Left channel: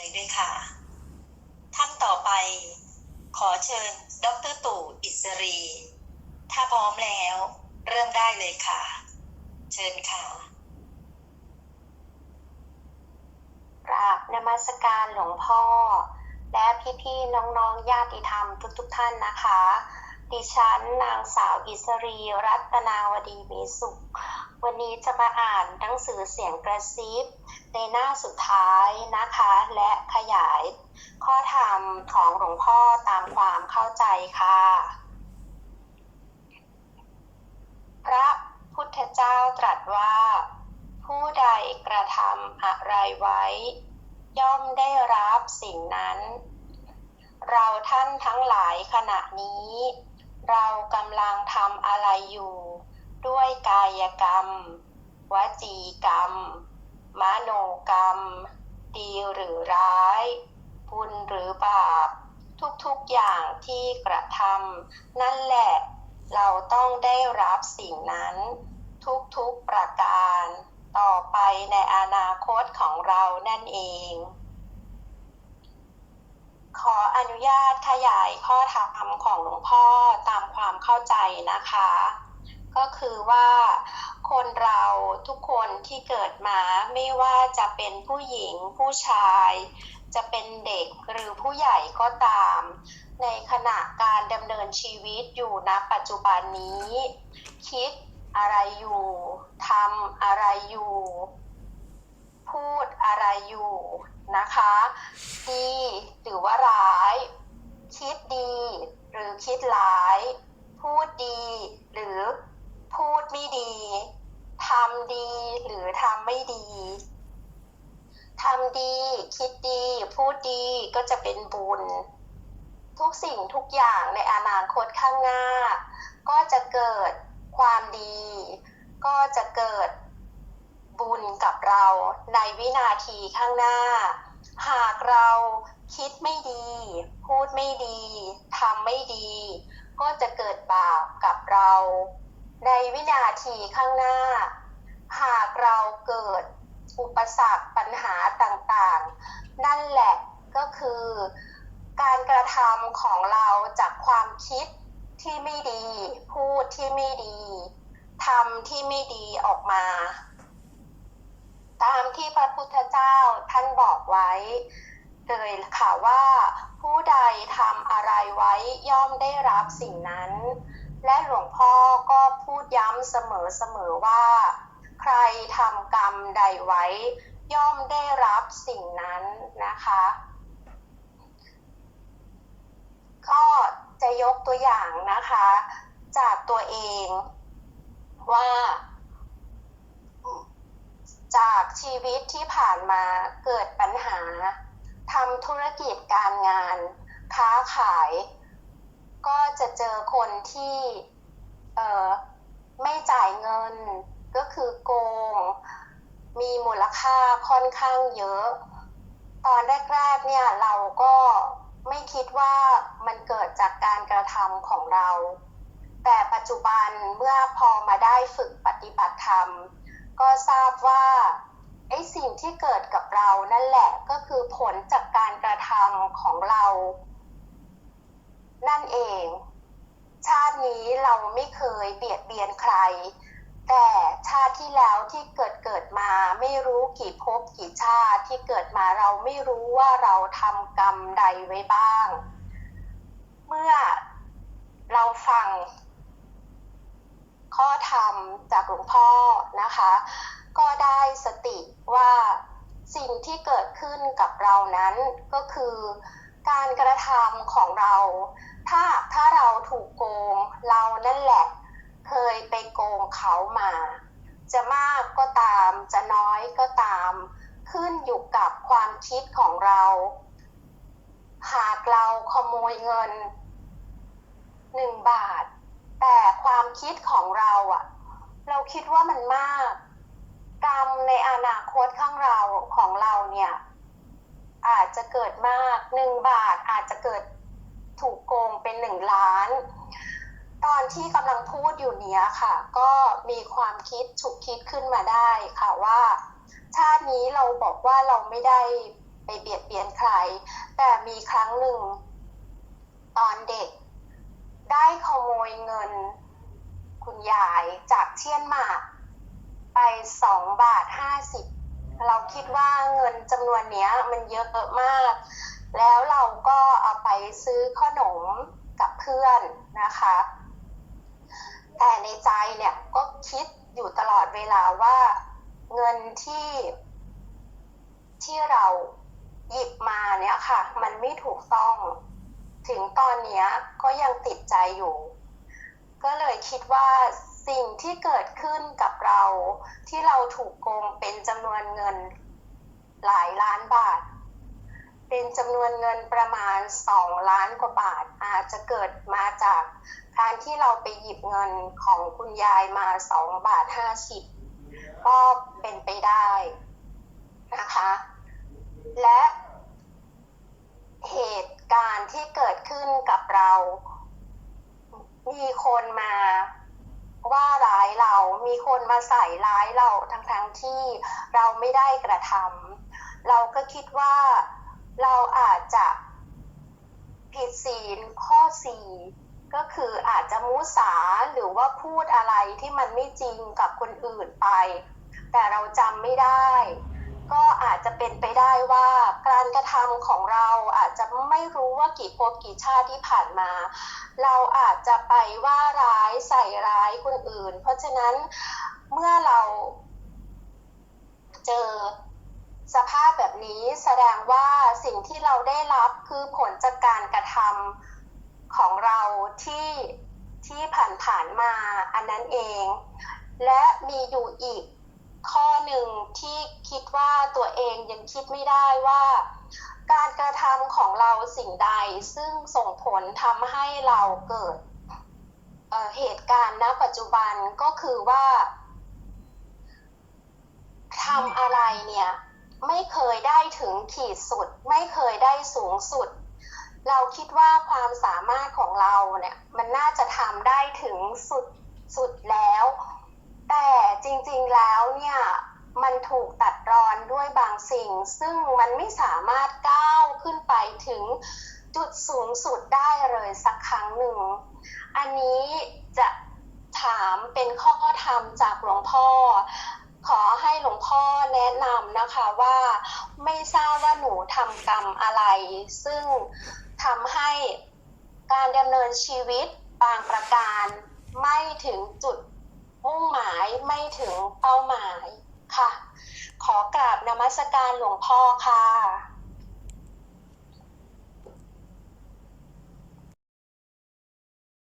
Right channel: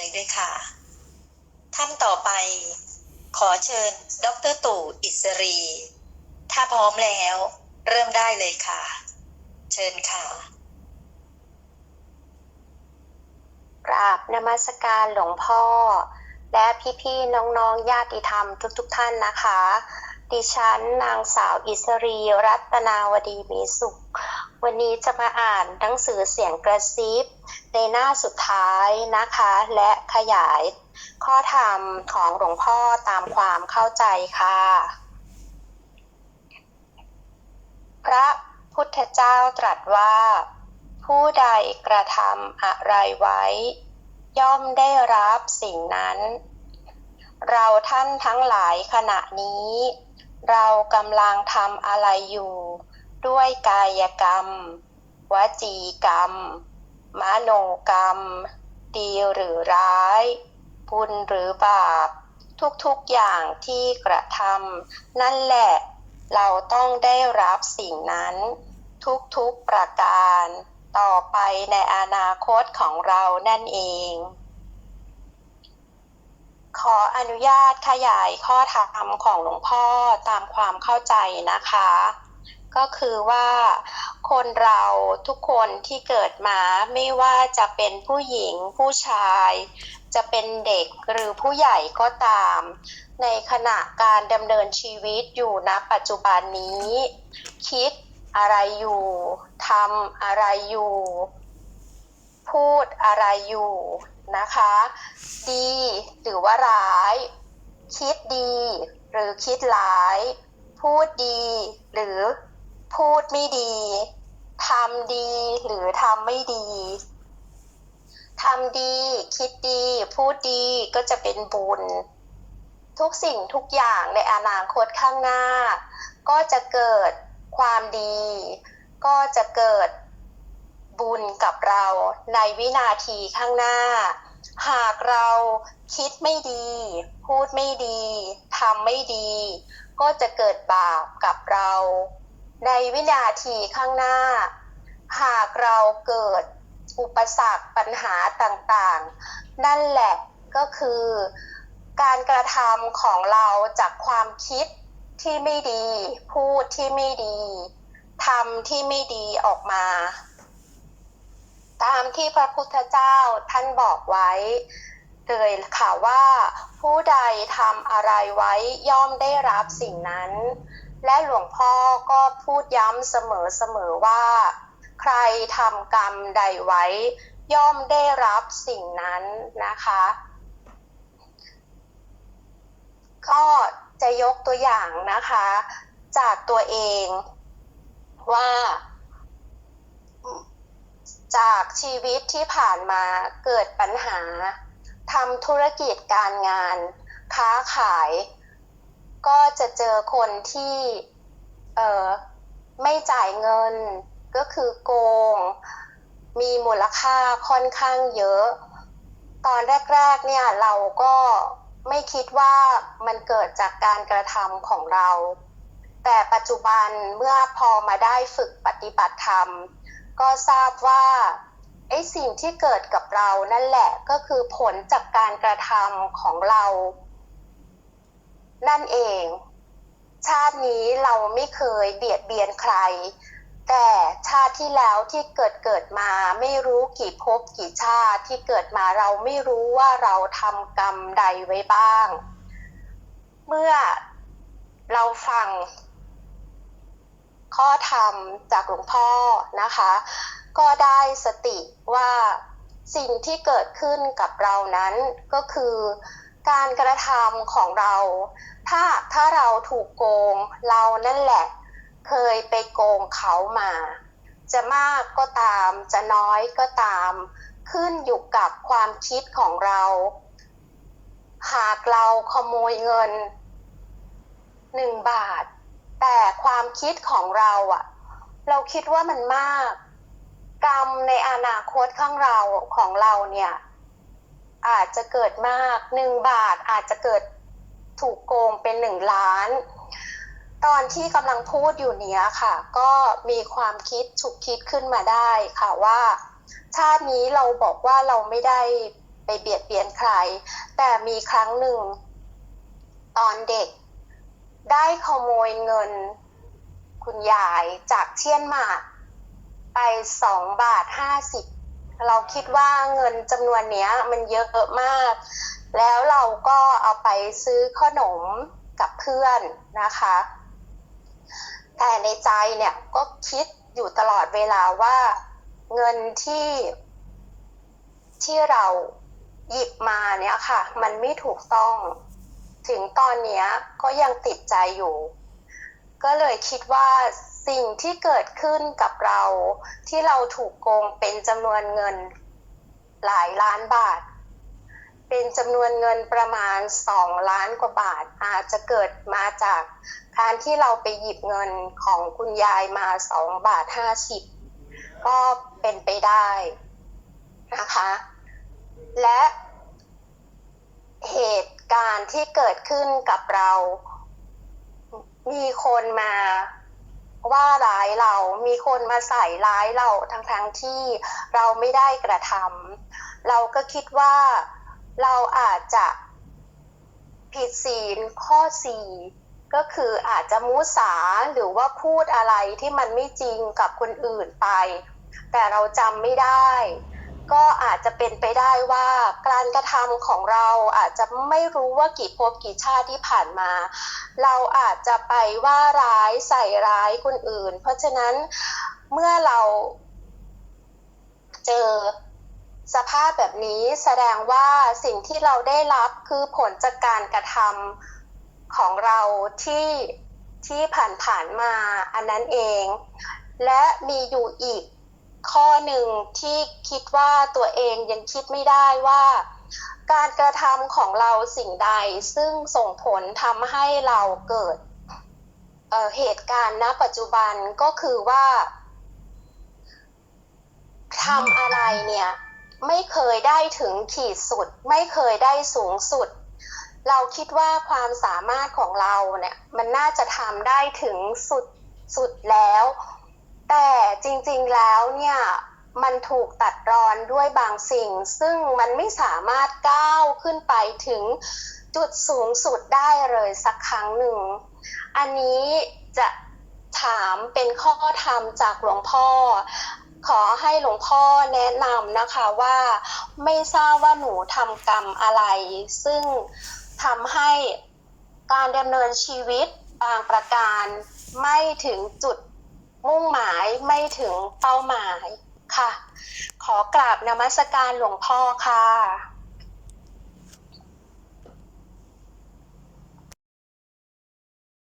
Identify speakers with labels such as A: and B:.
A: เลยด้วยค่ะท่านต่อไปขอเชิญ ดรตู่อิสรี ถ้าพร้อมแล้ว เริ่มได้เลยค่ะ เชิญค่ะ
B: กราบนมัสการหลวงพ่อ และพี่ๆน้องๆญาติธรรมทุกๆทท่านนะคะ ดิฉันนางสาวอิสรีรัตนาวดีมีสุข วันนี้จะมาอ่านหนังสือเสียงกระซิบในหน้าสุดท้ายนะคะ และขยายข้อธรรมของหลวงพ่อตามความเข้าใจค่ะ พระพุทธเจ้าตรัสว่า ผู้ใดกระทำอะไรไว้ ย่อมได้รับสิ่งนั้น เราท่านทั้งหลายขณะนี้ เรากำลังทำอะไรอยู่ ด้วยกายกรรม วจีกรรม มโนกรรม ดีหรือร้าย บุญหรือบาป ทุกๆอย่างที่กระทำนั่นแหละ เราต้องได้รับสิ่งนั้น ทุกๆประการ ต่อไปในอนาคตของเรานั่นเอง ขออนุญาตขยายข้อธรรมของหลวงพ่อตามความเข้าใจนะคะ ก็คือว่าคนเราทุกคนที่เกิดมาไม่ว่าจะเป็นผู้หญิงผู้ชาย จะเป็นเด็กหรือผู้ใหญ่ก็ตาม ในขณะการดำเนินชีวิตอยู่ณปัจจุบันนี้ คิดอะไรอยู่ทำอะไรอยู่ พูดอะไรอยู่นะคะ ดีหรือว่าร้าย คิดดีหรือคิดร้าย พูดดีหรือ พูดไม่ดีทำดีหรือทำไม่ดีทำดี คิดดี พูดดีก็จะเป็นบุญ ทุกสิ่งทุกอย่างในอนาคตข้างหน้า ก็จะเกิดความดี ก็จะเกิดบุญกับเราในวินาทีข้างหน้า หากเราคิดไม่ดี พูดไม่ดีทำไม่ดี ก็จะเกิดบาปกับเรา ในวินาทีข้างหน้า หากเราเกิดอุปสรรคปัญหาต่างๆ นั่นแหละก็คือการกระทำของเราจากความคิดที่ไม่ดี พูดที่ไม่ดีทำที่ไม่ดีออกมา ตามที่พระพุทธเจ้าท่านบอกไว้เลยค่ะว่า ผู้ใดทำอะไรไว้ย่อมได้รับสิ่งนั้น และหลวงพ่อก็พูดย้ำเสมอๆว่า ใครทำกรรมใดไว้ ย่อมได้รับสิ่งนั้นนะคะ ก็จะยกตัวอย่างนะคะ จากตัวเองว่าจากชีวิตที่ผ่านมาเกิดปัญหาทำธุรกิจการงาน ค้าขาย ก็จะเจอคนที่เออไม่จ่ายเงินก็คือโกง มีมูลค่าค่อนข้างเยอะ ตอนแรกๆเนี่ยเราก็ไม่คิดว่ามันเกิดจากการกระทำของเรา แต่ปัจจุบันเมื่อพอมาได้ฝึกปฏิบัติธรรม ก็ทราบว่าไอ้สิ่งที่เกิดกับเรานั่นแหละก็คือผลจากการกระทำของเรา นั่นเอง ชาตินี้เราไม่เคยเบียดเบียนใคร แต่ชาติที่แล้วที่เกิดเกิดมาไม่รู้กี่ภพกี่ชาติที่เกิดมาเราไม่รู้ว่าเราทำกรรมใดไว้บ้าง เมื่อเราฟังข้อธรรมจากหลวงพ่อนะคะ ก็ได้สติว่าสิ่งที่เกิดขึ้นกับเรานั้นก็คือ การกระทำของเรา ถ้าถ้าเราถูกโกงเรานั่นแหละ เคยไปโกงเขามา จะมากก็ตาม จะน้อยก็ตาม ขึ้นอยู่กับความคิดของเรา หากเราขโมยเงินหนึ่งบาท แต่ความคิดของเราอะเราคิดว่ามันมาก กรรมในอนาคตข้างเราของเราเนี่ย อาจจะเกิดมากหนึ่งบาทอาจจะเกิดถูกโกงเป็นหนึ่งล้าน ตอนที่กำลังพูดอยู่เนี้ยค่ะ ก็มีความคิดฉุกคิดขึ้นมาได้ค่ะว่า ชาตินี้เราบอกว่าเราไม่ได้ไปเบียดเบียนใคร แต่มีครั้งหนึ่ง ตอนเด็ก ได้ขโมยเงิน คุณยายจากเชียนหมากไปสองบาทห้าสิบ เราคิดว่าเงินจำนวนเนี้ยมันเยอะมาก แล้วเราก็เอาไปซื้อขนมกับเพื่อนนะคะ แต่ในใจเนี่ยก็คิดอยู่ตลอดเวลาว่าเงินที่ที่เราหยิบมาเนี่ยค่ะ มันไม่ถูกต้อง ถึงตอนเนี้ยก็ยังติดใจอยู่ ก็เลยคิดว่า สิ่งที่เกิดขึ้นกับเราที่เราถูกโกงเป็นจำนวนเงินหลายล้านบาท เป็นจำนวนเงินประมาณ 2 ล้านกว่าบาท อาจจะเกิดมาจากการที่เราไปหยิบเงินของคุณยายมา 2 บาท 50 ก็เป็นไปได้นะคะ และเหตุการณ์ที่เกิดขึ้นกับเรา มีคนมา ว่าร้ายเรา มีคนมาใส่ร้ายเราทั้งๆทที่เราไม่ได้กระทำเราก็คิดว่าเราอาจจะผิดศีลข้อสี่ก็คืออาจจะมุสาหรือว่าพูดอะไรที่มันไม่จริงกับคนอื่นไป แต่เราจำไม่ได้ ก็อาจจะเป็นไปได้ว่าการกระทำของเราอาจจะไม่รู้ว่ากี่ภพกี่ชาติที่ผ่านมา เราอาจจะไปว่าร้ายใส่ร้ายคนอื่น เพราะฉะนั้นเมื่อเราเจอสภาพแบบนี้แสดงว่าสิ่งที่เราได้รับคือผลจากการกระทำของเราที่ที่ผ่านๆมาอันนั้นเอง และมีอยู่อีกข้อหนึ่งที่คิดว่าตัวเองยังคิดไม่ได้ว่า การกระทำของเราสิ่งใดซึ่งส่งผลทำให้เราเกิดเเหตุการณ์ณปัจจุบันก็คือว่าทำอะไรเนี่ย ไม่เคยได้ถึงขีดสุด ไม่เคยได้สูงสุด เราคิดว่าความสามารถของเราเนี่ย มันน่าจะทำได้ถึงสุดสุดแล้ว แต่จริงๆแล้วเนี่ย มันถูกตัดรอนด้วยบางสิ่ง ซึ่งมันไม่สามารถก้าวขึ้นไปถึงจุดสูงสุดได้เลยสักครั้งหนึ่ง อันนี้จะถามเป็นข้อธรรมจากหลวงพ่อ ขอให้หลวงพ่อแนะนำนะคะว่า ไม่ทราบว่าหนูทำกรรมอะไร ซึ่งทำให้การดำเนินชีวิตบางประการ ไม่ถึงจุดมุ่งหมายไม่ถึงเป้าหมาย ค่ะ ขอกราบนมัสการหลวงพ่อค่ะ